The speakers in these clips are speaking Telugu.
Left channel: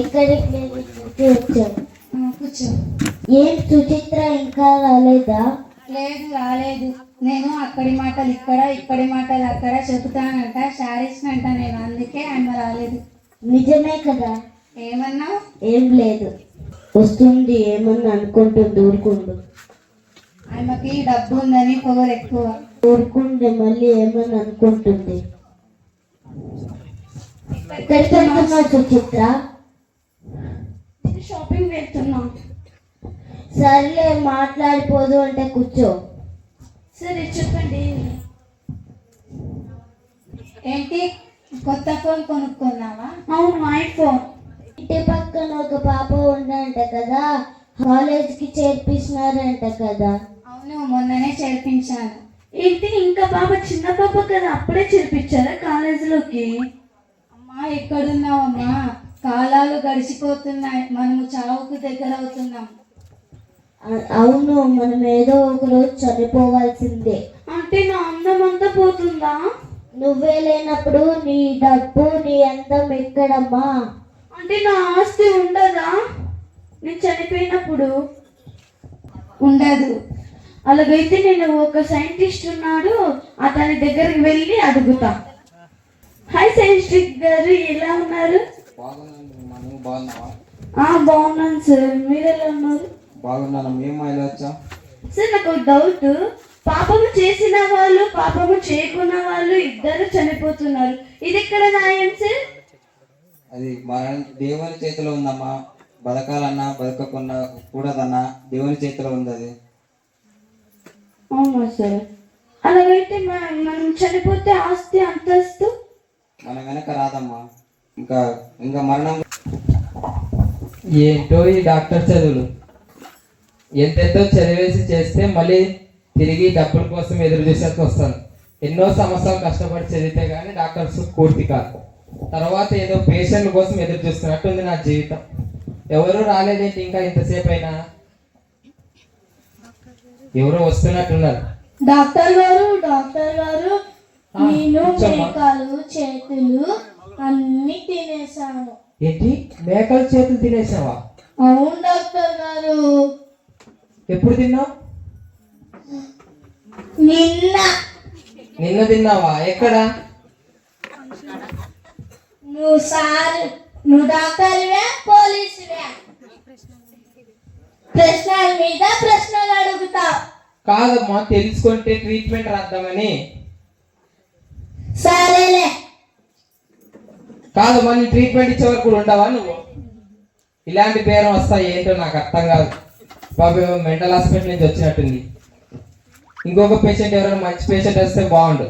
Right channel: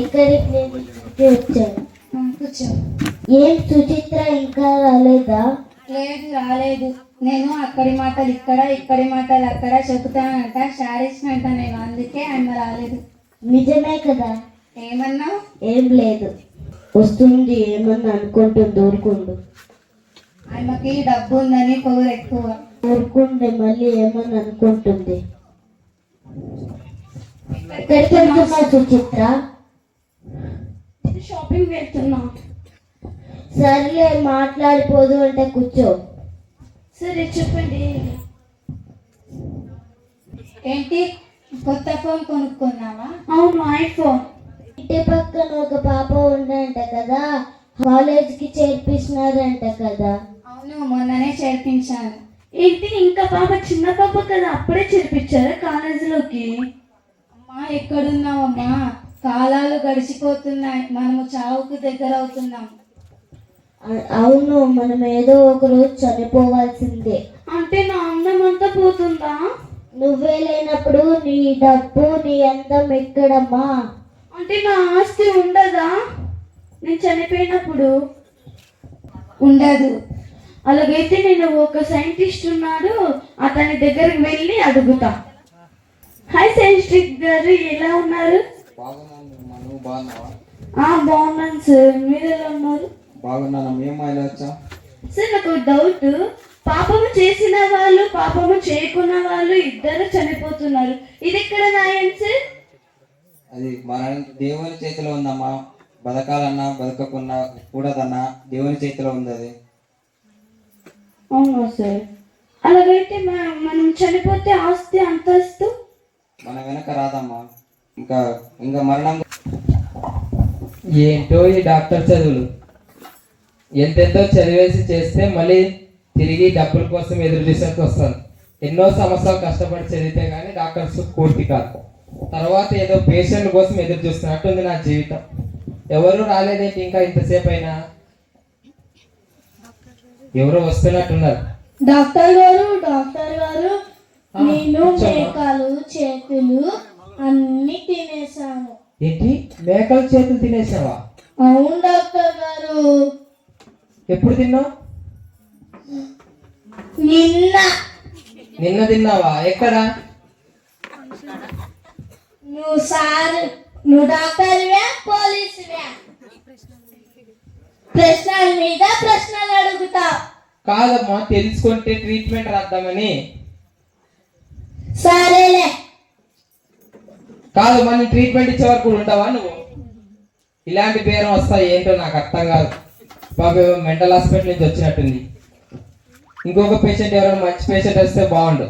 ఎక్కడికి నేను ఇక్కడికి వచ్చాను. కూర్చో. ఏం సుచిత్ర ఇంకా రాలేదా? లేదు, రాలేదు. నేను అక్కడి మాటలు ఇక్కడ, ఇక్కడి మాటలు అక్కడ చెబుతానంట, శారీస్నంట నేను, అందుకే ఆయన రాలేదు. నిజమే కదా? ఏమన్నావు? ఏం లేదు. వస్తుంది, ఏమన్నా అనుకుంటుంది. ఊరుకుండు. ఆమెకి డబ్బు ఉందని పవర్ ఎక్కువ. ఊరుకుండే మళ్ళీ ఏమన్నా అనుకుంటుంది. ఎక్కడికి వెళ్తున్నావు సుచిత్ర? షాపింగ్ వెళ్తున్నా. సర్లే, మాట్లాడిపోదు అంటే కూర్చో. సరే చెప్పండి. ఏంటి, కొత్త ఫోన్ కొనుక్కున్నావా? అవును, ఐఫోన్. ఇంటి పక్కన ఒక పాప ఉందంట కదా, కాలేజ్కి చేర్పిస్తున్నారంట కదా? అవును, మొన్ననే చేర్పించాను. ఏంటి, ఇంకా పాప చిన్న పాప కదా, అప్పుడే చేర్పించారా కాలేజీలోకి? అమ్మా, ఎక్కడున్నావమ్మా? కాలాలు గడిచిపోతున్నాయి, మనము చావుకు దగ్గర అవుతున్నాం. అవును, మనం ఏదో ఒక రోజు చనిపోవాల్సిందే. అంటే నా అందం అంతా పోతుందా? నువ్వే లేనప్పుడు నీ డబ్బు, నీ అందం ఎక్కడమ్మా? అంటే నా ఆస్తి ఉండదా నేను చనిపోయినప్పుడు? ఉండదు. అలాగైతే నేను ఒక సైంటిస్ట్ ఉన్నాడు, అతని దగ్గరికి వెళ్ళి అడుగుతా. హాయ్ సైంటిస్ట్ గారు, ఎలా ఉన్నారు? బాగున్నాను సార్, మీరు ఎలా ఉన్నారు? బాగున్నాను. మేము వచ్చా సార్, నాకు డౌట్. పాపము చేసిన వాళ్ళు, పాపము చేయకున్న వాళ్ళు ఇద్దరు చనిపోతున్నారు. ఇది ఎక్కడ న్యాయం సార్? అది మన దేవుని చేతిలో ఉందమ్మా. బతకాలన్నా బతకకున్నా కూడదన్నా దేవుని చేతిలో ఉంది అది. అవునా సార్? అలాగైతే మనం చనిపోతే ఆస్తి అంతస్తు మన వెనక రాదమ్మా. ఇంకా ఇంకా మరణం. ఏంటో ఈ డాక్టర్ చదువులు, ఎంతెంతో చదివేసి చేస్తే మళ్ళీ తిరిగి డబ్బుల కోసం ఎదురు చూసేసి వస్తాను. ఎన్నో సంవత్సరాలు కష్టపడి చదివితే కానీ డాక్టర్స్ పూర్తి కాదు. తర్వాత ఏదో పేషెంట్ కోసం ఎదురు చూస్తున్నట్టుంది నా జీవితం. ఎవరు రాలేదేంటి ఇంకా ఇంతసేపు అయినా? ఎవరు వస్తున్నట్టున్నారు. డాక్టర్ గారు, నేను మేకలు చేతులు అన్ని తినేసాము. ఏంటి, మేకల చేతులు తినేసావా? అవును డాక్టర్ గారు. ఎప్పుడు తిన్నావు? నిన్న తిన్నావా? ఎక్కడ? నువ్వు డాక్టర్వే, పోలీసువే? ప్రశ్నల మీద ప్రశ్నలు అడుగుతా. కాదమ్మా, తెలుసుకుంటే ట్రీట్మెంట్ రాద్దామని. సరేలే. కాదమ్మా, నీ ట్రీట్మెంట్ ఇచ్చే వరకు ఉండవా నువ్వు? ఇలాంటి పేరు వస్తాయి ఏంటో నాకు అర్థం కాదు. బాబు మెంటల్ హాస్పిటల్ నుంచి వచ్చినట్టుంది. ఇంకొక పేషెంట్, ఎవరైనా మంచి పేషెంట్ వస్తే బాగుండు.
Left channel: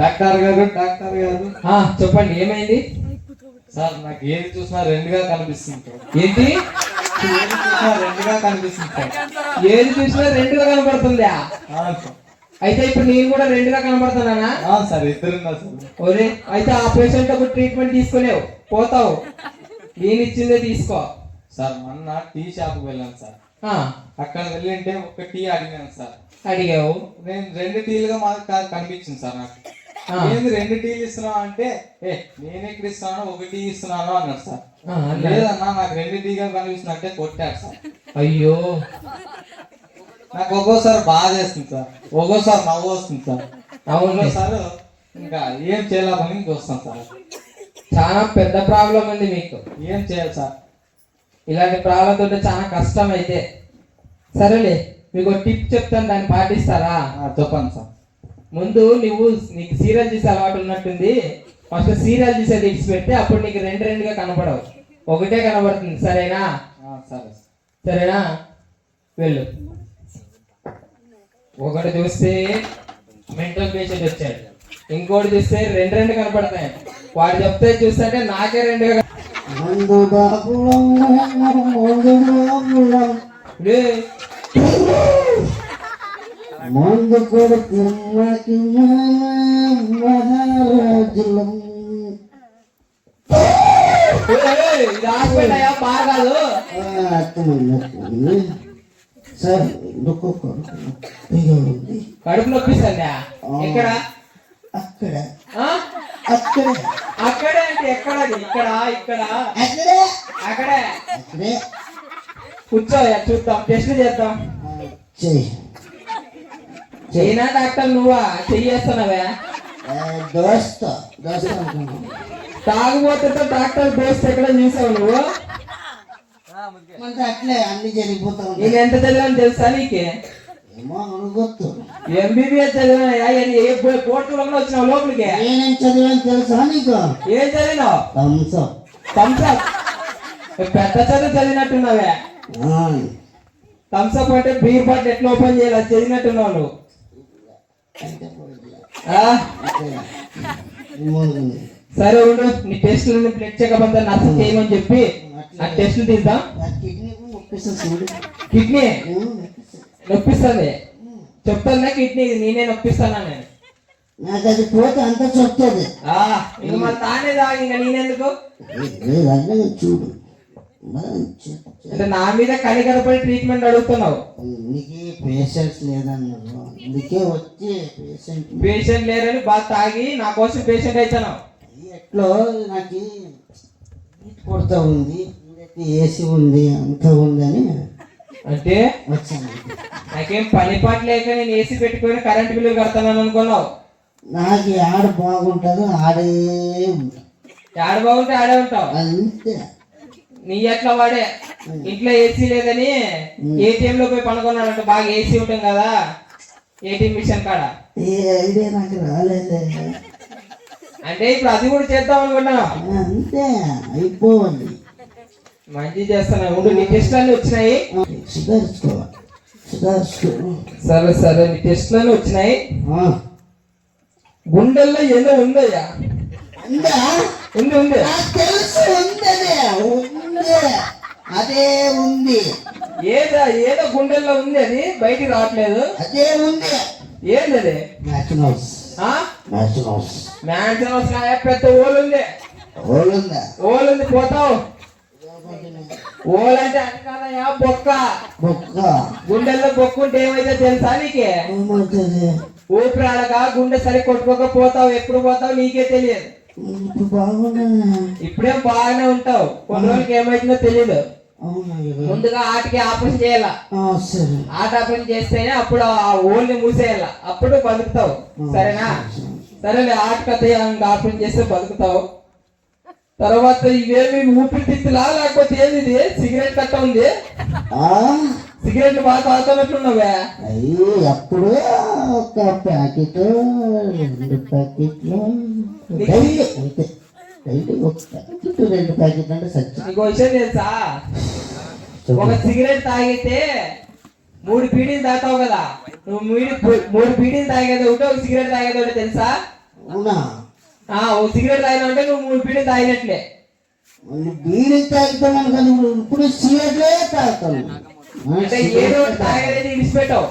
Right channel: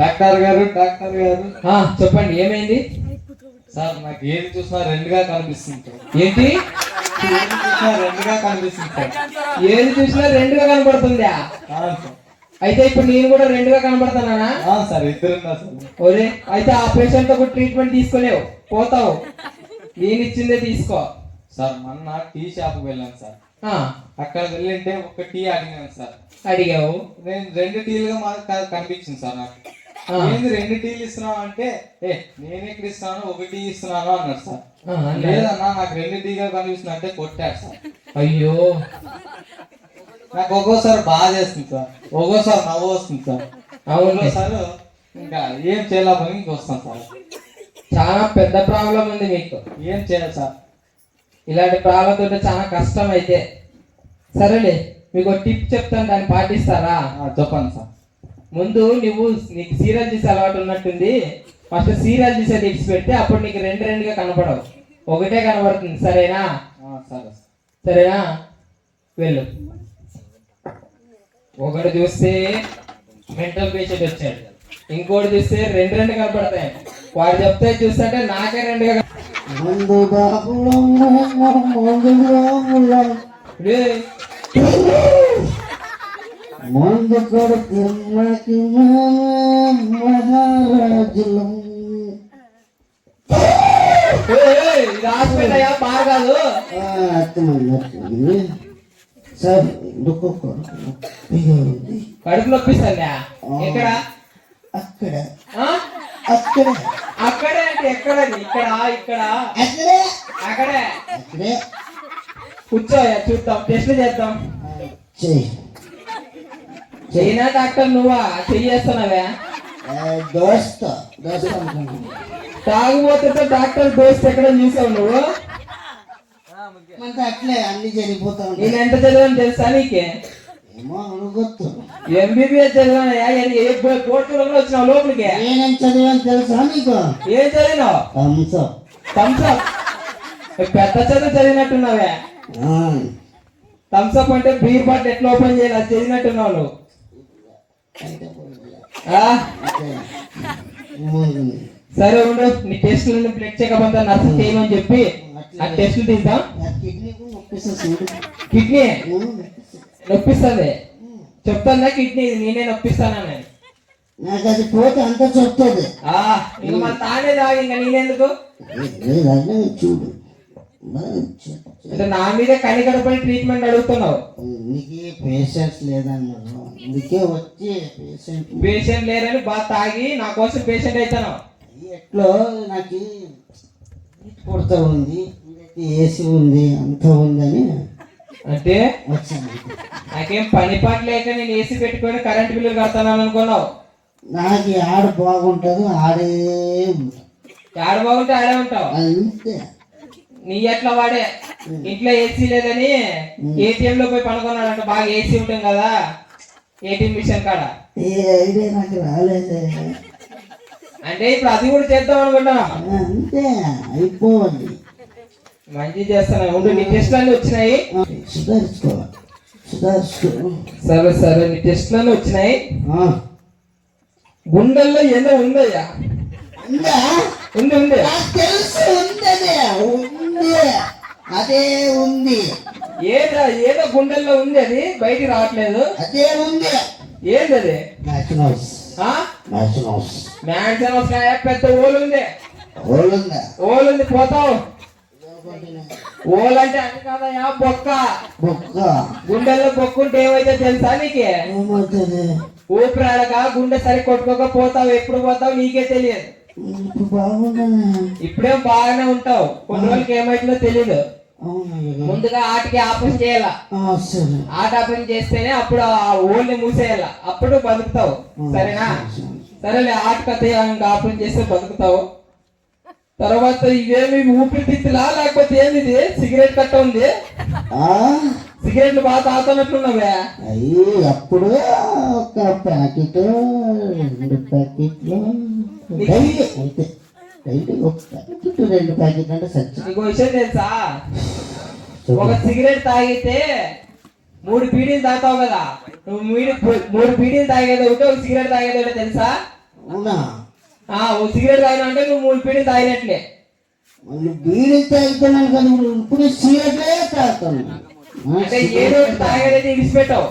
డాక్టర్ గారు చెప్పండి, ఏమైంది సార్? నాకు ఏది చూసినా రెండుగా కనిపిస్తుంది. ఏంటి? రెండుగా కనిపిస్తుంది సార్. ఏది చూసినా రెండుగా కనబడుతుందా? అయితే ఇప్పుడు నేను కూడా రెండుగా కనబడుతున్నానా? Sir, ఇద్దరున్నా sir. ఒరే, అయితే ఆ పేషెంట్ ఒక ట్రీట్మెంట్ తీసుకోలేవు, పోతావు. నేను ఇచ్చిందే తీసుకో. సార్, మొన్న టీ షాప్కి వెళ్ళాను సార్. అక్కడ వెళ్ళింటే ఒక టీ అడిగాను సార్. అడిగావు? నేను 2 టీలుగా మాకు కనిపించింది సార్. నాకు ఏంది 2 టీలు ఇస్తున్నావు అంటే, నేను ఎక్కడ ఇస్తున్నాను, 1 టీ ఇస్తున్నాను అన్నాడు సార్. లేదన్నా, నాకు 2 టీగా కనిపిస్తుంది అంటే కొట్టాడు సార్. అయ్యో, నాకు ఒక్కోసారి బాధ చేస్తుంది సార్, ఒక్కోసారి నవ్వు వస్తుంది సార్. అవును సార్, ఇంకా ఏం చేయాలని ఇంకొస్తాను సార్. చాలా పెద్ద ప్రాబ్లం ఉంది మీకు. ఏం చేయాలి సార్? ఇలాంటి ప్రాబ్లంతో ఉంటే చాలా కష్టం. అయితే సరేలే, మీకు టిప్ చెప్తాను, దాన్ని పాటిస్తారా? చెప్పండి సార్. ముందు నీకు సీరియల్ చూసే అలవాటు ఉన్నట్టుంది. ఫస్ట్ సీరియల్ చూసేది ఇచ్చి పెడితే అప్పుడు నీకు రెండుగా కనపడవు, ఒకటే కనబడుతుంది. సరేనా? సరేనా? వెళ్ళు. ఒకటి చూస్తే మెంటల్ పేషెంట్ వచ్చాడు, ఇంకోటి చూస్తే రెండు కనపడతాయి. వాడు చెప్తే చూస్తుంటే నాకే రెండుగా. ముందు కొడుకు బాగా కాదు. సార్ నొప్పిగా ఉంది. కడుపు నొప్పిస్తుందా? ఎక్కడ? అక్కడ ఆ? అక్కడ అక్కడ అంటే ఎక్కడ? ఇక్కడ ఇక్కడ అక్కడే అక్కడే అక్కడే కూర్చోయా, చూద్దాం, టెస్ట్ చేద్దాం. చెయ్యి. చైనా డాక్టర్ నువ్వా? చెయ్యేస్తున్నావే? దోస్త అనుకున్నాను. తాగుబోతుతో డాక్టర్ దోస్త్ ఎక్కడ చూసావు నువ్వు? మనకి అట్లే అన్ని జరిగిపోతా నేను ఉంటాయి. ఎంత చదివాను తెలుసా నీకే? ఏమో అనుకోవచ్చు. ఎంబీబీఎస్ చదివానయ్యా. ఏ కోర్టులో వచ్చినావు లోపలికి? నేనేం చదివాను తెలుసా నీకు? ఏం చదివినావు? థమ్స్అప్. థమ్స్అప్? పెద్ద చదువు చదివినట్టున్నావే. థమ్స్అప్ అంటే బీర్ బాటిల్ ఎట్లా ఓపెన్ చేయాలి అది చదివినట్టున్నావు నువ్వు. ఆ? సరే ఉండు, నీ టెస్టులు బ్లడ్ చెకప్ అంతా నర్స్ చేయమని చెప్పి ఆ టెస్టులు తీద్దాం. కిడ్నీ నొప్పిస్తుంది చెప్తాను. కిడ్నీ ఇది నేనే నొప్పిస్తానా నేను? నాకు అది పోతే అంతా చెప్తుంది. ఇంక మన తానే తాగి ఇంకా నేనెందుకు? చూడు అంటే నా మీద కనికరపడి ట్రీట్మెంట్ అడుగుతున్నావు. నీకు పేషెంట్స్ లేదన్నారు, అందుకే వచ్చి పేషెంట్ లేరని బాగా తాగి నా కోసం పేషెంట్ అవుతాను. ఎట్లో నాకు కొడతా ఉంది, ఏసీ ఉంది, అంతా ఉందని అంటే వచ్చాను. నాకేం పని పాట లేక నేను ఏసీ పెట్టుకొని కరెంట్ బిల్లు కడతాను అనుకున్నావు. నాకు ఆడ బాగుంటుంది, ఆడే ఆడ బాగుంటే ఆడే ఉంటావు అంతే. నీ ఎట్లా వాడే ఇంట్లో ఏసీ లేదని ఏటీఎం లో పోయి పనుకున్నాడంట. బాగా ఏసీ ఉంటుంది కదా ఏటీఎం మిషన్ కాడ. ఏ ఐడియా నాకు రాలేదే. అంటే ఇప్పుడు అది కూడా చేద్దాం అనుకుంటా. అంతే అయిపోవాలి. మంచి చేస్తున్నా ఉండు. నీ టెస్ట్ అన్ని వచ్చినాయి. సరే సరే, నీ టెస్ట్ అన్ని వచ్చినాయి. గుండెల్లో ఏదో ఉందయ్యా? ఉంది ఉంది. తెలుసు ఉందనే ఉంది, అదే ఉంది. ఏదో గుండెల్లో ఉంది, అది బయటికి రావట్లేదు. అదే ఉంది. ఏంది అది? మ్యాక్సినోస్. పెద్ద ఓలు ఉంది. ఓలు ఉంది పోతావు. ఓలు అంటే అది కాదయ్యా, బొక్క. గుండెల్లో బొక్క ఉంటే ఏమైతే తెలుసా నీకే? ఊపిరి ఆడక గుండె సరి కొట్టుకోక పోతావు. ఎప్పుడు పోతావు నీకే తెలియదు. ఇప్పుడే బాగానే ఉంటావు, కొన్ని రోజులకి ఏమైతుందో తెలియదు. ముందుగా ఆటకి ఆపరేషన్ చేయాల. ఆట ఆపరేషన్ చేస్తేనే అప్పుడు ఆ ఓల్ని మూసేయాల, అప్పుడు బతుకుతావు. సరేనా? సరేలే, ఆటకతే ఆపరేషన్ చేస్తే బతుకుతావు. తర్వాత ఇవేమి ఊపిరితిత్తులా లేకపోతే ఏమిది? సిగరెట్ కట్ట ఉంది. సిగరెట్ బాగా తాగుతున్నట్లున్నావే. అయ్యో ఎప్పుడు ఒక ప్యాకెట్ 2 ప్యాకెట్లు, ఒక ప్యాకెట్ 2 ప్యాకెట్లు అంటే సచ్చి. నీకు విషయం తెలుసా? ఒక సిగరెట్ తాగితే 3 బీడీలు తాగుతావు కదా. నువ్వు 3 బీడీలు తాగేది ఒకటి, ఒక సిగరెట్ తాగేది ఒకటి తెలుసా? అవునా? ఒక సిగరెట్ తాగినంటే నువ్వు 3 బీడీలు తాగినట్లే. మళ్ళీ బీడీ తాగుతున్నాను కానీ ఇప్పుడు సిగరెట్లే తాగుతాను. అంటే ఏదో ఒకటి తాగేది విడిచిపెట్టావు.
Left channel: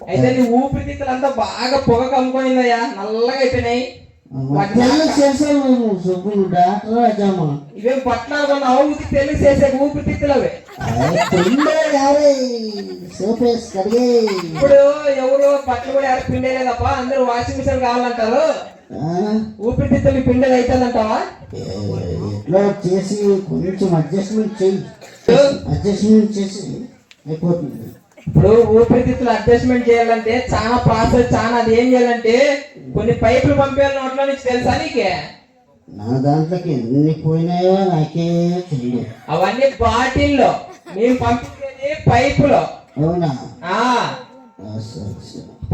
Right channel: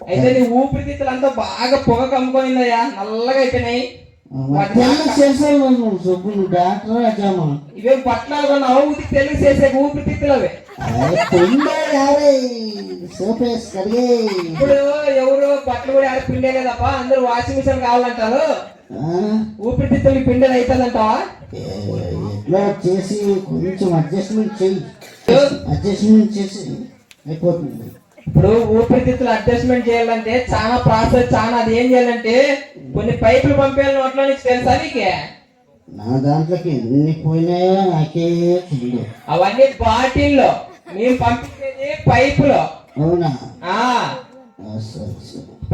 అయితే నీ ఊపిరితిత్తులు అంతా బాగా పొగ కమ్ముకొనిందయ్యా, నల్లగా అయిపోయినాయి. ఇవేం పట్లాలు అవుతి తెలుగు చేసే ఊపిరితిత్తులు అవే. ఇప్పుడు ఎవరు బట్టలు కూడా ఆడ పిండేదే తప్ప అందరూ వాషింగ్ మిషన్ కావాలంటారు. ఊపిరితిత్తులు పిండేది అవుతుందంటావా? చేసి కొంచెం అడ్జస్ట్మెంట్ చేసి అయిపోతుంది. ఇప్పుడు ఊపిరితిత్తులు అడ్జస్ట్మెంట్ చేయాలంటే చాలా ప్రాసెస్, చాలా. అది ఏం చేయాలంటే కొన్ని పైపులు పంపేయాలి నోట్లో నుంచి, తెలుసా నీకే? నా దాంట్లోకి ఎన్ని పోయినాయో నాకే తెలియదు. అవన్నీ బాటిల్లో, మేము పంపించేది పైపులో. అవునా?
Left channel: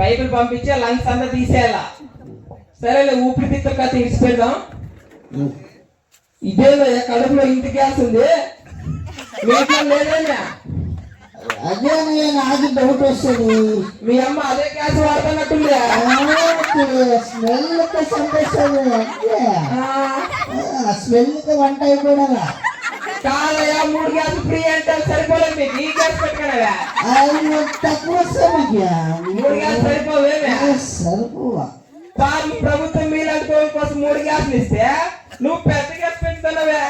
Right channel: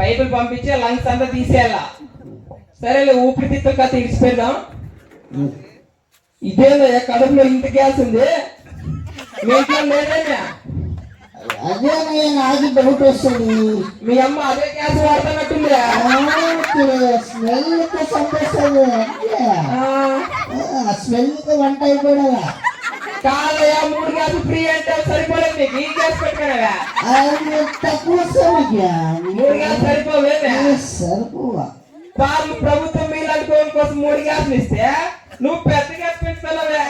పైపులు పంపించి లంగ్స్ అంతా తీసేయాల. సరేలే, ఊపిరితిత్తులు కథ ఇడిచిపెడదాం. ఇదేనా కడుపులో ఇంత గ్యాస్ ఉంది? మీట్లో లేదేనా? అదే నాకు డౌట్ వస్తుంది. మీ అమ్మ అదే గ్యాస్ వాడుతున్నట్టుంది. స్మెల్ చంపేస్తుంది, స్మెల్ వంట అయిపోయినా కాదయా, 3 గ్యాస్ ఫ్రీ అంటే సరిపోలేదు మీకు. ఈ గ్యాస్ పెట్టుకున్నావా? తక్కువ వస్తుంది. 3 గ్యాస్ సరిపోవేమే? సరిపోవా? ప్రభుత్వం మీలాంటి కోసం 3 గ్యాస్లు ఇస్తే నువ్వు పెద్ద గ్యాస్ పెంచుతున్నావే.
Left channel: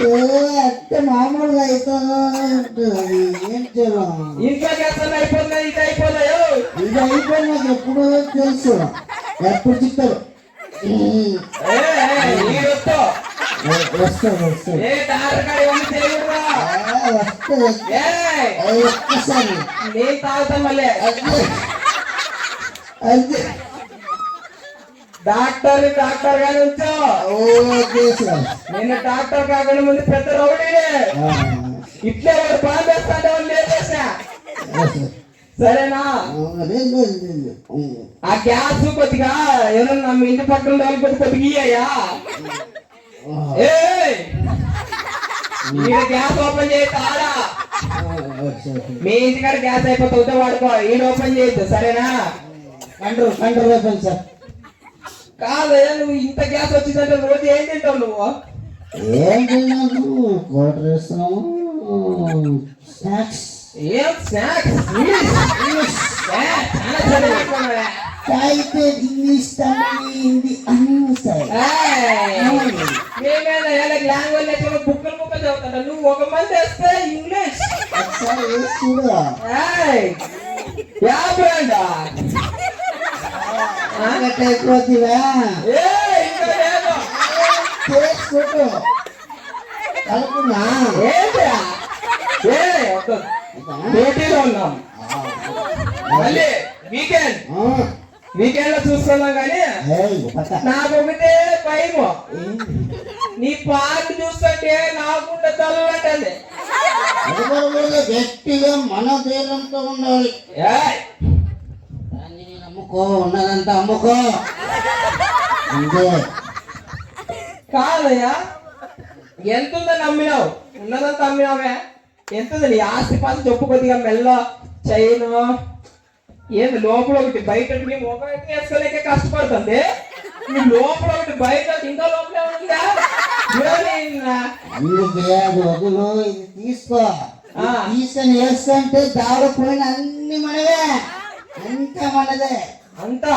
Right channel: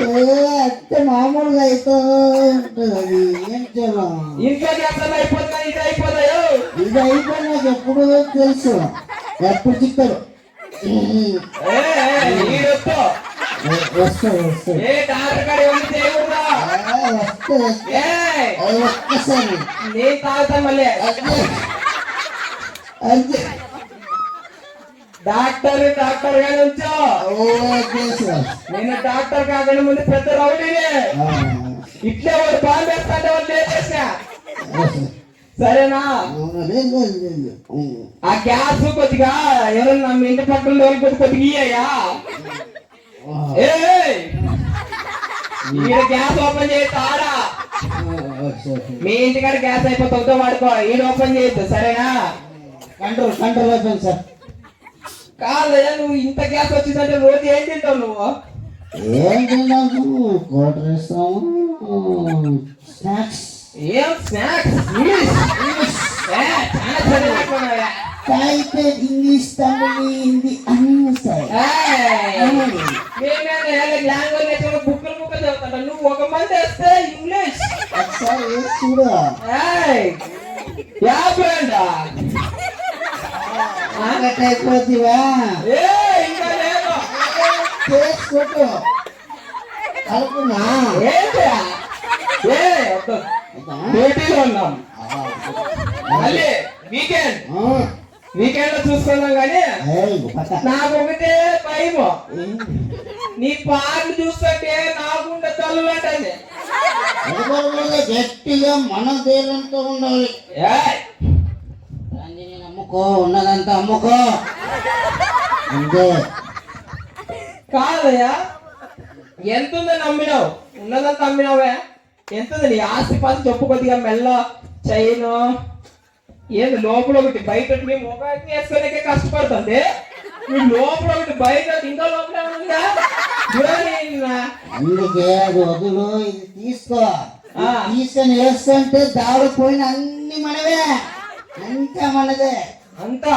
అంటే మామూలుగా అయితే ఉంటుంది అది ఏం చేయాలి ఇంట్లో చేస్తాను అయిపోతున్నాయి ఇది అయిపోతాయో ఇది అయిపోయినాక ఎప్పుడు తెలుసు ఎప్పుడు చెప్తారు వస్తా ఏ డాక్టర్ గారు ఇవన్నీ చేయకూడదు ఒక్కసారి నేను తాగుతాను మళ్ళీ అంతే డాక్టర్ గా నుంచో ఓకే సార్ నేను డాక్టర్ కాకుండా ముందు పెద్ద రౌడీనే ఇట్లే వాడు బాగా వేస్తాంటే వాళ్ళు లేచేసా సరేనా ఆ గ్యాస్ కొద్దిగా ఎవరన్నా మీ ఇంటి పక్కన వాళ్ళకి కొద్దిగా ఇయ్యయ్యా ఈడ గ్యాస్ ఓపెన్ చేయి తాడా మీ ఇంటికాడ గ్యాస్ అయిపోతుందో వాడుకో ఈడ ఓపెన్ చేయొద్దు సరేనా కంట్రోల్ అయిపోయింది సార్ కాదయ్యా నువ్వు ఇంత గ్యాస్ వచ్చిందంటే రోజు ఏం తింటావు నువ్వు ఏం తిన్నాను క్వార్టర్ వేస్తాము స్నాక్స్ ఏం స్నాక్స్ అయితే ఇంగ్లీష్ తమిళ హిందీ అన్ని వస్తాయి లాంగ్వేజ్ బుక్కలు బుక్కలు చదువుతాడు నువ్వు ఒక మంది వస్తే ఇంగ్లీష్ ఒకసారి వేసి చూడు యా బ్రాండ్ అయిపోతుందా ఇంకా లేదు చేసుకో కలుపునా ఏంటా డ్యూటీలో ఉన్నాం మళ్ళీ వీకెండ్ లో చూసుకున్నాం కానీ నాకు ఒకటే భయం నీ పాటలు చూస్తుంటే నాకుంటే చల్లంటే గట్టిగా మన ధైర్యంతో ఉండాలి దాన్ని నమ్ముకో ఉన్నదంతా అమ్ముకో అంతే కాదయ్యా ఎంతుందని నమ్మినావు ఉన్నదంతా అమ్మినావే ఎంతుంది నీ ఆస్తి పాసి చెప్పు కొద్దిగా మెల్ల చైను ఏది లోపల ఒకటి బయట ఒకటి మొబైల్ వేసుకోలేకే కష్టపడుతుంది నువ్వు లోపల ఒకటి బయట ఇంకా లోపల ఉందా అందుకే అది వదులు ఇది తీసుకో తీసుకొని వేస్తుంటే దాడిపోయిన అన్ని మనవే అంతా మనదే అంతా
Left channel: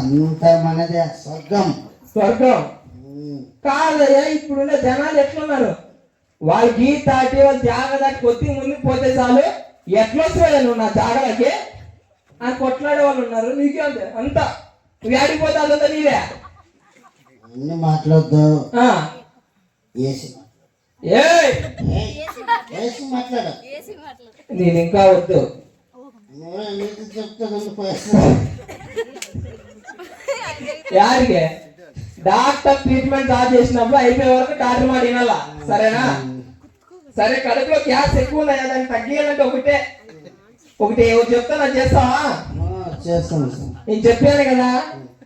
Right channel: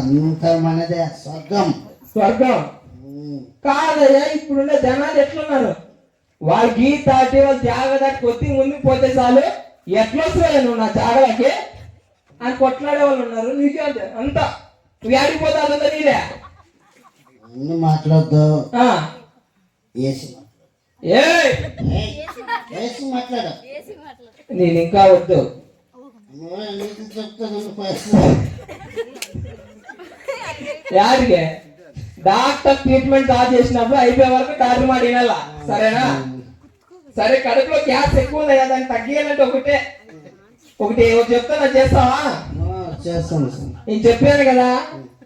అంతా మనదే స్వర్గం కాదయ్యా ఇప్పుడున్న జనాలు ఎట్లున్నారు వాళ్ళు గీ దాటి వాళ్ళు జాగ దాటి కొద్ది ముందుకు పోతే చాలు ఎట్లొస్తాయి నువ్వు నా జాగలకి అని కొట్లాడే వాళ్ళు ఉన్నారు నీకే అంతా నువ్వు ఆడిపోతే అదంతా నీదే అన్ని మాట్లాడద్దు మాట్లాడు నేను ఇంకా వద్దు యాడికే డాక్టర్ ట్రీట్మెంట్ స్టార్ట్ చేసినప్పుడు అయిపోయే వరకు డాక్టర్ మాట వినాలా సరేనా సరే కడుపులో గ్యాస్ ఎక్కువ ఉంది దాన్ని తగ్గియాలంటే ఒకటి చెప్తా చేస్తావా చేస్తాను నేను చెప్పాను కదా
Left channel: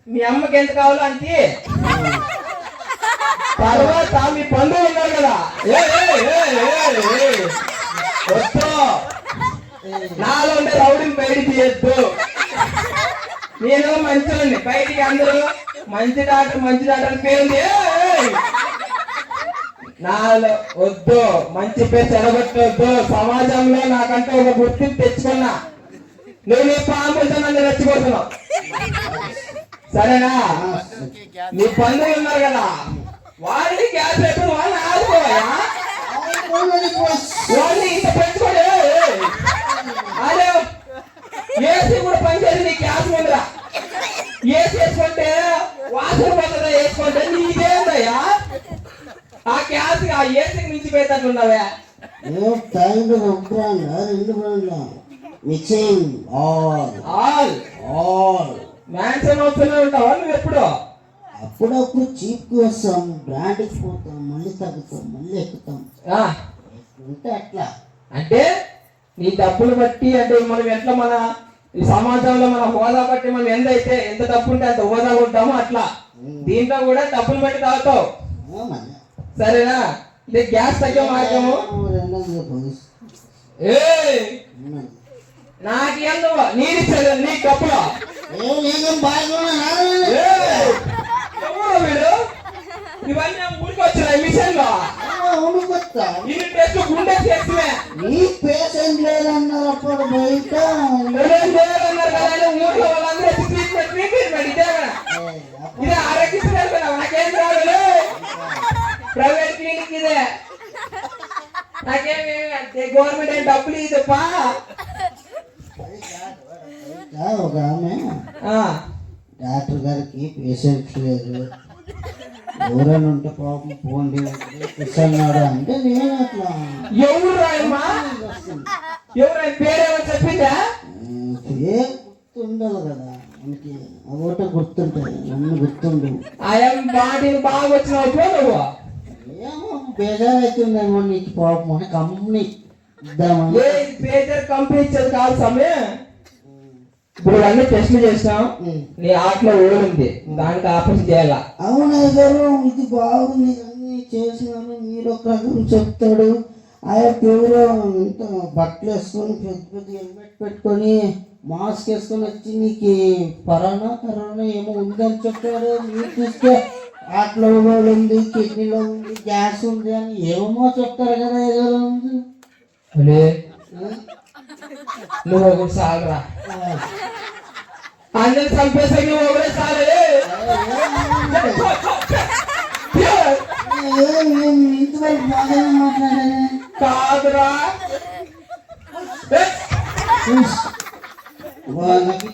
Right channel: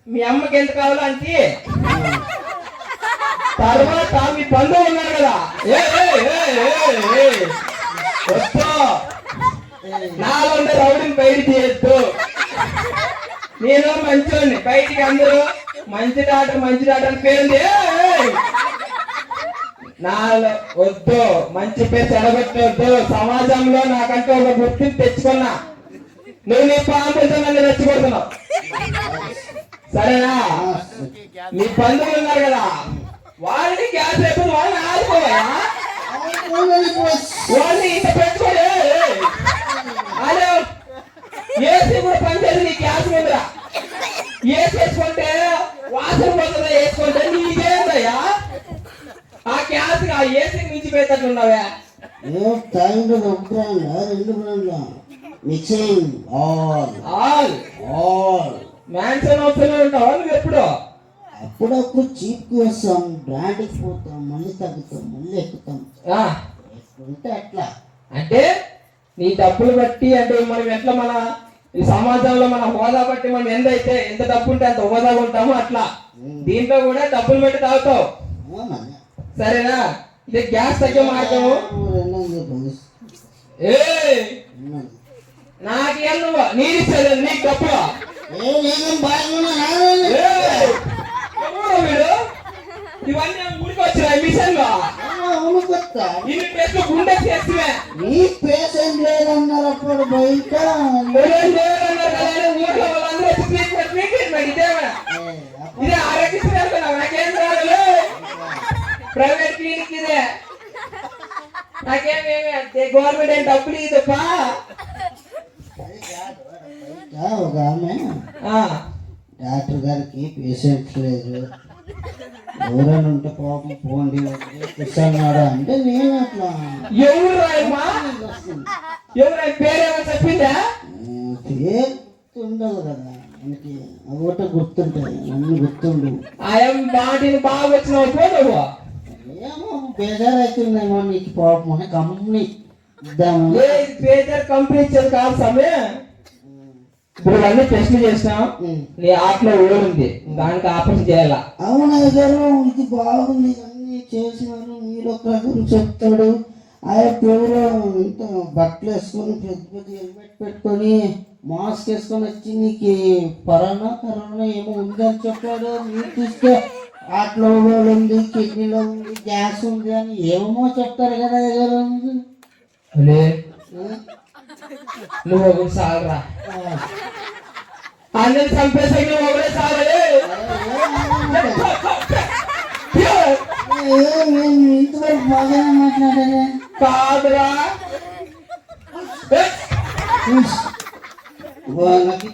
మీ అమ్మకి ఎంత కావాలో అంటే తర్వాత మీ బంధువులు ఉన్నారు కదా నాలో ఉండే రౌడీని బయటికి చేయొద్దు నేను మంచివాడిని బయటికి అందరూ మంచి డాక్టర్ పేరుంది నాలో వద్దు మంచి పేరు చెడగొట్టవద్దు సమాజంలో నాకంటే ఒక గుర్తింపు తెచ్చుకున్నా నువ్వు నీ పాంపులతో నన్ను రెచ్చగొడుతున్నావు సరేనా నీ బంధువులు ఉన్నారు కదా వాళ్ళని గ్యాస్ లేకపోతే వాళ్ళని ఆడుకోవాలా వాళ్ళని ఇంత పెట్టుకోలే అదే ఏసీ కూడా పనిచేసి నీ గ్యాస్ ఉందిరా ఏసీ వేసుకుంటే వాసన పోతుందా వేసుకుంటే నీదేందయ్యా ఆ గ్యాస్ ఆ ఏసీ మించి పోయేటట్లున్నావా మిక్సింగ్ మ్యాన్షన్ వస్తూనే ఉంటావా నువ్వు ఎప్పుడు అప్పుడప్పుడు చీప్ వస్తాం బ్రాండ్కి పోతాం మళ్ళీ తగ్గుతాం మళ్ళీ ఎక్కుతాం ఎక్కడుంటే అట్లా అంటే నీ డబ్బులు బట్టి అంటే మనం ఎట్లా మన ఈ సమాజంలో మన హోదా బట్టి మనం ఎంత డబ్బు ఉంటే అంత హోదా ఉంటామో అట్లా దీంట్లో కూడా డబ్బులు బట్టి తాగుతావు సరేనా ఇది గ్యాస్ తగ్గే మార్గము నాకేం నువ్వు నీరు ఇచ్చాడు నీ డబ్బులు వీడు ఇవన్నీ ఊరికి వచ్చిన మిషన్ లో ఇన్ని ప్లేస్ గుండె చేస్తున్నా నీ పేషెంట్ లేదన్నారు అప్పుడు బయట లేదన్నారు కదా ఊర్లో వాళ్ళందరూ ట్రీట్మెంట్ ఇదేమన్నా ఇది ఆరోగ్యశ్రీ అనుకున్నావు నాకేం రాదు ప్రైవేట్ క్లినిక్ ఇదే నాకేమి గవర్నమెంట్ ఏం డబ్బులు ఇదప్పా. ఒక ఆమె ఆ, డాక్టర్ గారికి పేషెంట్ లేదు, ఎవరైనా ఉంటే పాపం పోండి కూర్చున్నాడు అంటే నేను అట్లా ఎవరు రాయమ్మా, ఎవరైనా పేరేమో చెప్పిందా? పేరు గుర్తుండదు కదా మనకి, ఒకటి గుర్తుంటాయి అన్ని గుర్తుండవు. ఆయన మాటిని బాగా వచ్చినావు నువ్వు. ఏమో బేజారు అవుతుందేమో నీకు పాపం అని కంపెనీ ఇద్దాము. పేజర్ కంపెనీ ఇచ్చేది కాదు సమయం. ఇప్పుడు అన్నీ టెస్ట్లు చేసినాం, నీ ఆటలో ఊరుంది, దానికి ఆపరేషన్ చేయాలా. అవునా గారు ఇది బాగుంది అన్ని చేసినారు, మీరు ఒక చెప్తాడు. ఆయన పేరు ఇంత బట్టలు వేసుకొని పెద్ద పెద్ద హెల్మెట్ పెట్టుకొని మాస్క్ వేసుకొని వచ్చి నీకు కరోనా ఏమో ఉందని చెప్పారు. మీరు చూస్తే ఆటలో ఉంది, కిడ్నీలో ఉంది, గ్యాస్ ఉంది అని ఏమో చెప్తారు కదా గారు. నువ్వు ఒకటి సాగరా, అందరు చంపేసా నువ్వు ఒకటే సాగలే. ఇంతవరకు బాగానే మాట్లాడారే. కాదురా, వాళ్ళకి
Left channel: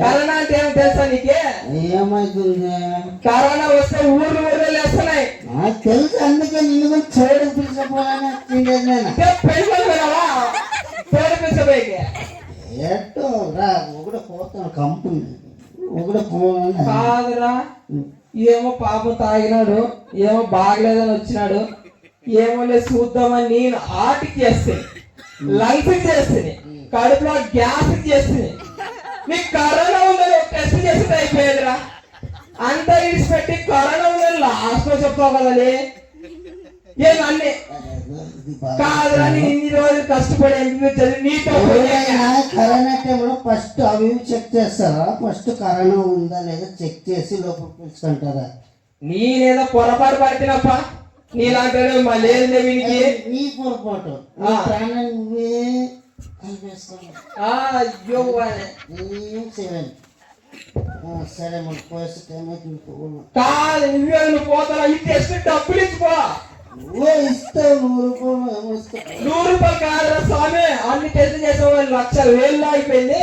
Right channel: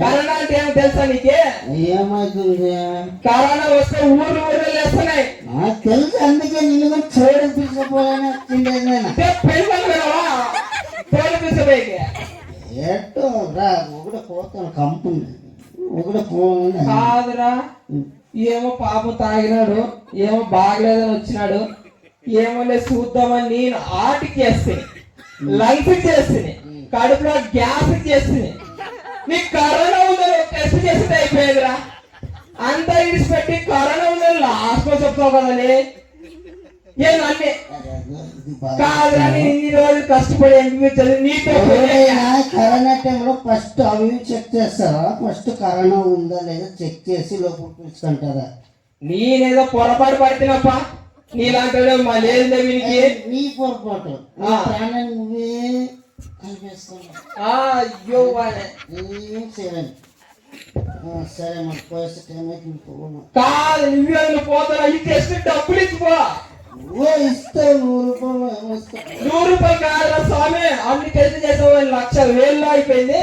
కరోనా అంటే ఏమో తెలుసా నీకే? ఏమైతుంది? కరోనా వస్తే ఊర్లు వేస్తున్నాయి. నాకు తెలుసు, అందుకే నేను కూడా చూడడం పిలిచిపోవాలని ఎట్టో రా ఒకటి పోతాను కంపెనీ ఒకటి పోను. కాదురా, ఏమో పాపం తాగినాడు, ఏమో బాగలేదని వచ్చినాడు, ఏమో చూద్దామని నేను ఆటికి చేస్తే, లంగ్స్ చేస్తుంది, కడుపులో గ్యాస్ చేస్తుంది. నీకు కరోనా ఉందని టెస్ట్ చేసి అయిపోయేదిరా. అంతా ఇడిచిపెట్టి కరోనా ఉందని లాస్ట్ లో చెప్తావు కదని. ఏమన్నీ కాదురా, ఇన్ని రోజులు కష్టపడి అనిపించదు నీతో. కరోనా టైంలో ఫస్ట్ అవి చెక్ చేస్తారా? ఫస్ట్ కరోనా ఉందా లేదా చెక్ చేసి లోపల పిలుచుకుంటారా? నేనేదో పొరపాటు పడుతున్నప్ప, నీలాంటి మళ్ళీ వీనికి నీ పొరపాటు, నీ ప్రాణాన్ని నువ్వే కలిపేస్తున్నావు. అయ్యో సరే మన పోస్ట్ టైం అయితే కాదు, నువ్వు పోతారా? ఈ టెస్ట్ డబ్బులు ఇచ్చిపో. ఇస్తావు 100 రూపాయలు కాదురా స్వామి, అన్ని టెస్ట్ చేసే లక్షలు వేలు అయిపోయింది.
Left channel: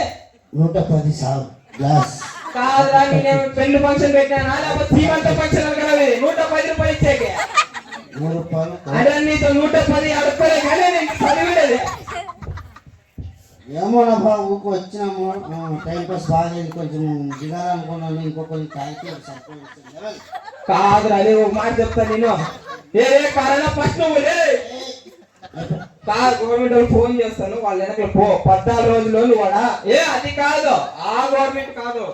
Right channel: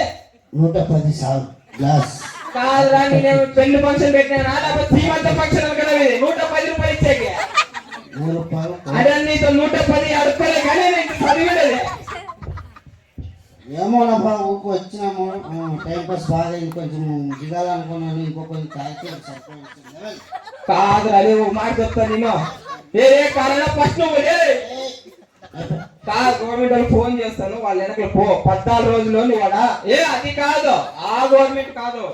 110 సార్లు గ్లాస్ కాదురా, నేనేమో పెళ్లి ఫంక్షన్ పెట్టినా లేకపోతే శ్రీమంత ఫంక్షన్ కదా, 110 రూపాయలు ఇచ్చాక. 100 రూపాయలు అదే నీతో 110 అడుక్కోలే కానీ నేను చదివేది. ఏమో నా బాబు వచ్చినాము, టైం పాస్ బాగా కొంచెం దిగాలనుకున్నాను, ఇంకో కొంచెం క్యాల్కులేట్ సరిపోయింది. కాదు అది ఒక మాట చెప్తాను నేను. కరోనా ఫస్ట్ నువ్వు కాదు, గవర్నమెంట్ వాళ్ళు ఫోన్ చేస్తాను, వాళ్ళ వెనక పో 14 రోజులు నువ్వు అది కాదు, ఆ గవర్నమెంట్ కాదు,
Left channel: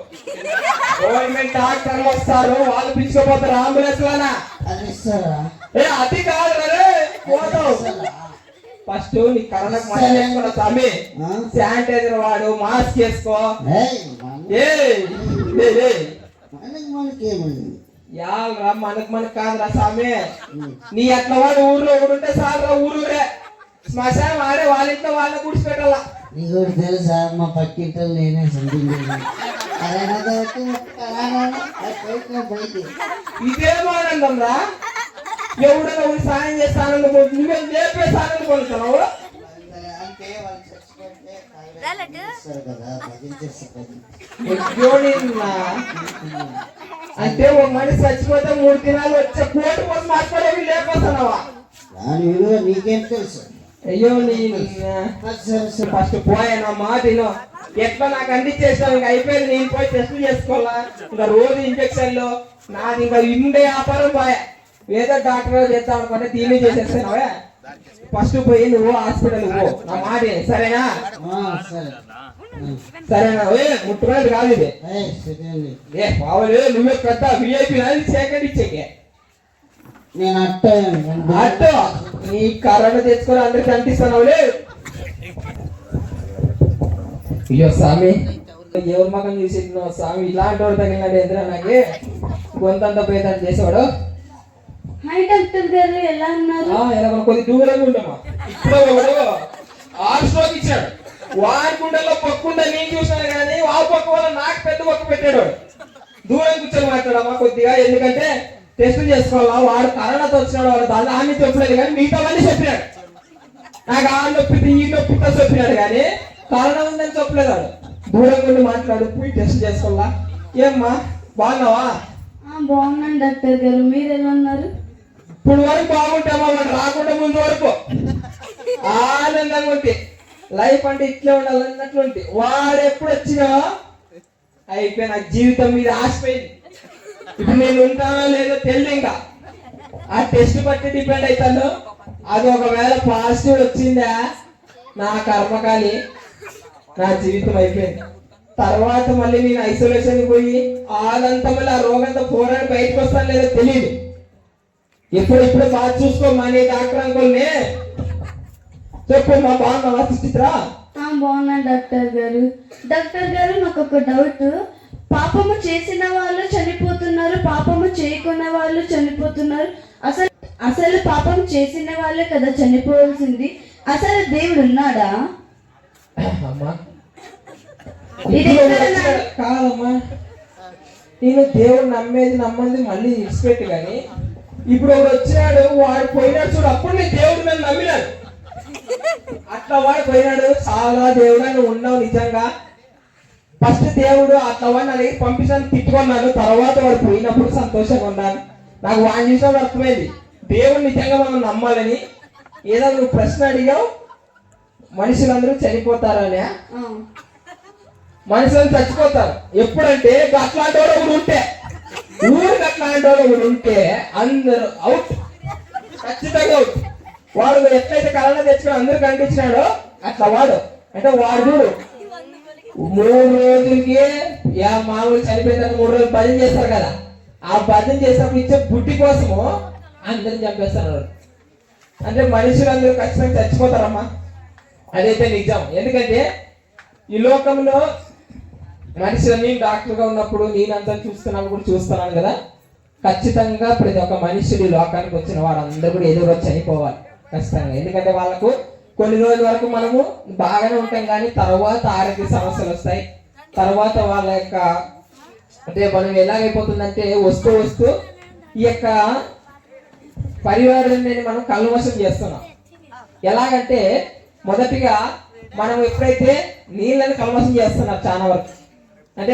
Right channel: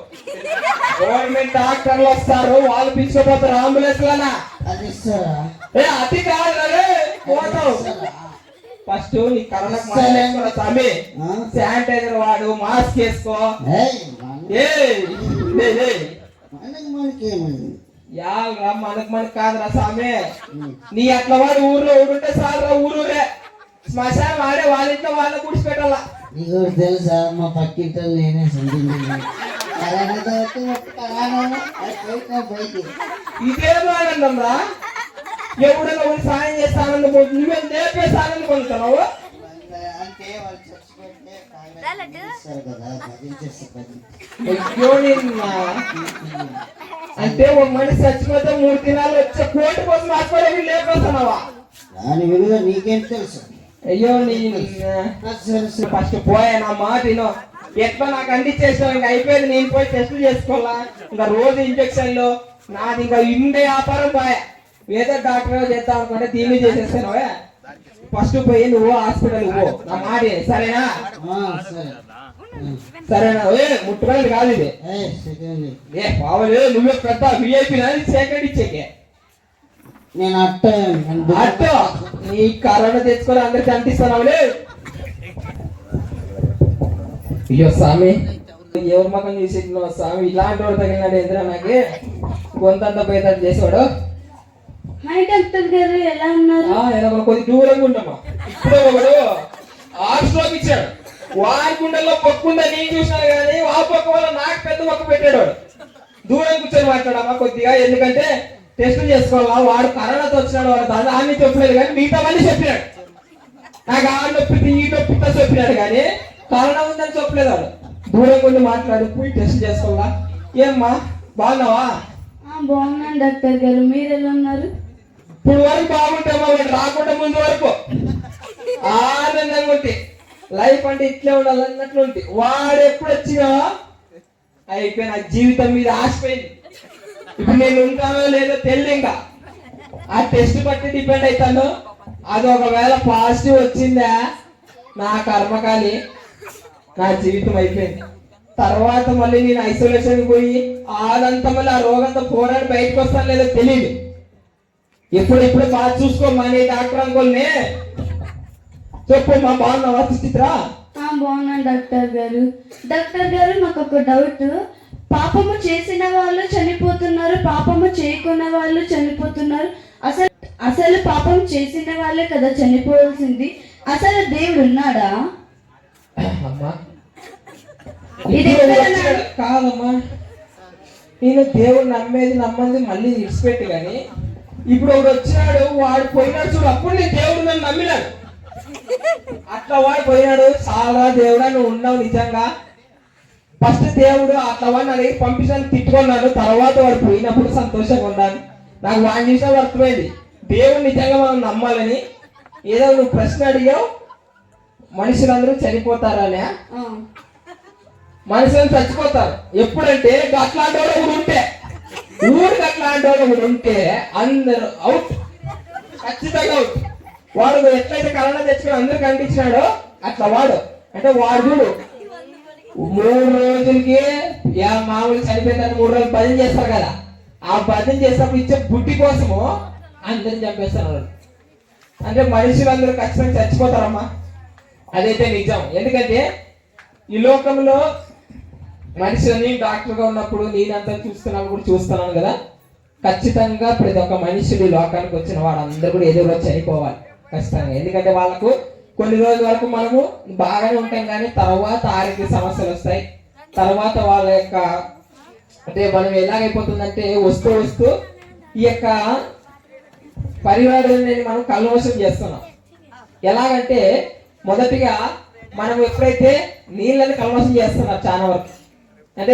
గవర్నమెంట్ డాక్టర్లు వస్తారు, వాళ్ళు పిలుచుకోపోతారు అంబులెన్స్ లోనా. అది ఇస్తారా? అది కాదు రే, పోతావు. ఫస్ట్ నీ కరోనా తమ్మి శానిటైజర్ వాడు, మాస్క్ వేసుకో. మనకు కాదురా స్వామి, నీ అట్లా వాడు ఊర్లో ఊడుంటే చాలరా, ఊరూరే శ్మశానం వాడే వాళ్ళ ఇంట్లో వాళ్ళ కూర్చిపెట్టాల. నీకు తెలుసా మా పక్కింట్లో నేనే ఇదేం ఆనందం రా, ఎవడన్నా ఒకటి సాయం చేస్తాను, నువ్వేం లేపేసి ఆనందం పొందుతున్నావు. అంటే ఒక మనిషి చచ్చిపోతే 3 దినాలు వచ్చే కోటి కోసం మాట్లాడేవి లేపేస్తున్నావా? దాని విలువ నీకేం తెలుసు? అయ్యో ఫస్ట్ పోయాను ఆ మాట ఎట్లా నాకు అందించేసావు, ఇంకా అయిపోయింది, నేను పోయి టెస్ట్ చేసుకోవాలా, ఇంకా రోజు ఇంజక్షన్లు, నాది ఇంకా ఇండే వ్యాపారం పోయా. ఏదో డాక్టర్ చేద్దాం అనుకుంటే దీన్ని చేసేస్తాను. ఫస్ట్ పోయి నువ్వు హాస్పిటల్ పో, నా మాట సరేనా? సరేనా? ముట్టుకునేది కాదు ఇది. పావులే నువ్వే పెద్ద విఐపి సెకండ్ ఇచ్చేకే. నేను అట్ట నీ కరోనా తెచ్చుకొని అందరికి అంటిస్తున్నావులే. అయ్యో స్వామి, ఎవరి మకం చూసి స్వామి ఇలాంటి వాడు తగినాడు ఎదురా, నాకే కొంత పోయేదాన్ని చేసేవాడు. హాయ్ డాక్టర్ గారు, ఎలా ఉన్నారు? కొద్ది దూరంగా ఉంటామా. ఇప్పుడు ఒకడు హార్ట్ స్ట్రోక్ ఇచ్చాడు, వారి గుండెల్లో పక్కుందా నేను చూసినా కానీ వాళ్ళ పక్క వల్ల నాకు పెద్ద పక్క పెట్టాడు వాడు. దూరం కూర్చొని మాట్లాడమ్మా కొద్దిగా, ఎందుకంటే టెస్ట్ చేసుకోవాలా, వాడు కరోనాతో వచ్చినాడు, వాడు దాని ఆమె చెప్పలేదు కానీ మిగతా వాళ్ళని చెప్పినాడు. నాకు ఆ నొప్పి ఈ నొప్పితో చెప్పినాడు కానీ కరోనా ఉందని చెప్పలేదు వాడు. దూరంగా ఉండి మాట్లాడు, పోయి టెస్ట్ చేసుకోవాలా. ఏమ్మా బాగున్నావా? బాగున్నాను డాక్టర్ గారు, మీరు ఎలా ఉన్నారు? ఇప్పుడు వరకు బాగుంటామా, వాడు రాకుండా ముందు వరకు ఆనందంగా ఉంటే లైఫ్ అంటే ఇట్లే ఉండాలి అన్నట్లు ఉంటే, వాడు ఎప్పుడు వచ్చినా అయిపోయిన జీవితం మీద ఆశపోయింది. ఇప్పుడు నేను ఉంటానో లేదో తెలియదు. ఇంకా ఆ టెస్ట్ బట్టి డిపెండ్ అవుతాను. అది ఒకవేళ పాజిటివ్ వచ్చిందా నా కర్మకాలి, నా జీవితం అయిపోయింది. తర్వాత మళ్ళీ నేను ఐసోలేషన్ పోయి అదంతా మళ్ళీ ఆ రోగంతా పోరాడి బయటకు వస్తాను లేదో తెలియదు. ఇప్పుడు బాగా చూసుకోమ్మా నీ డాక్టర్ అంకుల్ని. చెప్పు మా బాగున్నావా సుచిత్ర? బాగున్నాను డాక్టర్ గారు. డాక్టర్ గారు నాకు ఒక డౌట్, పాపము చేసిన వాళ్ళు చనిపోతున్నారు, పాపము చేయకున్న వాళ్ళు చనిపోతున్నారు. అసలు పాపం చేసిన వాళ్ళే కదా చనిపోవాల్సింది. అసలు దేవుడు ఉన్నాడా? అమ్మా కాదమ్మా, నేను దేవుడు నమ్మేది మళ్ళీ విడిచిపెట్టి, కానీ ఇప్పుడు ఒకడు వచ్చినాడు, వాడు పోయినాడు చూడు, అప్పుడు నేను దేవుడు నన్ను నమ్మినాడు. అట్లా వాడు పోయినాడు, చాలా దేవుడా నువ్వు ఉన్నావు నిజంగా. ఫస్ట్ దేవుడు అట్లా వాడిని అడిగి పంపించాలని తిట్టుకున్నాను, తర్వాత వాడు పోయినప్పుడు సంతోషంగా ఉన్నాను. నాకు వాడిని చూసినా అర్థమైంది దేవుడు నిజంగా మనం నమ్మాలని. ఏదో నువ్వు ప్రశ్న అడిగావు, మనుషులందరూ చనిపోతారనే. మనుషులు చచ్చిపోతారు ఎప్పుడంటే అట్లాంటి వాడు ఒకడు ఉంటే, ఊరికి అట్లాంటి వాడు ఒకడు ఉంటే అందరూ అవుట్, ఖచ్చితంగా అవుట్. వాడు ఎట్లయితే కరోనా తెచ్చుకొని అందరికి అంటించినాడో అట్లా వాడు అంటే వాడు చూడు 3 రోజులకి మామూలు చనిపోయిన 3 రోజులు భజన చేస్తారు కదా, ఆ భజన చేసినప్పుడు ఇచ్చే బుద్ధి కోసము అందరిని చంపేస్తారు. అంటే మనుషులందరూ ఖచ్చితంగా చచ్చిపోతారమ్మా, అదైతే నిజం. ఎందుకంటే ఈ లోకంలో మనిషిని డాక్టర్గా ఉన్నప్పుడు నేనంతా చూస్తున్నాను కదా, ఖచ్చితంగా ప్రతి ఒక్క మనిషిని లోకానికి వచ్చిన వాడందరూ కూడా ఏదో రోజు చనిపోవాలి ఖచ్చితంగా. ఎందుకంటే వాళ్ళకు కొన్ని రోజుల వరకు మనము బాగానే ఉంటాం, కానీ తర్వాత ఆరోగ్య సమస్యలు వస్తాయి. తర్వాత వాళ్ళ యొక్క అంటే మనం ఎలాగైపోతుందంటే వస్తూ ఈ యొక్క పరివారాన్ని మనం కల్మషం చేస్తున్నాం. ఎలాగంటే మొదటిగా మనం ఎప్పుడైతే నీళ్ళని కల్మషం చేస్తున్నారు చాలా వరకు, అంటే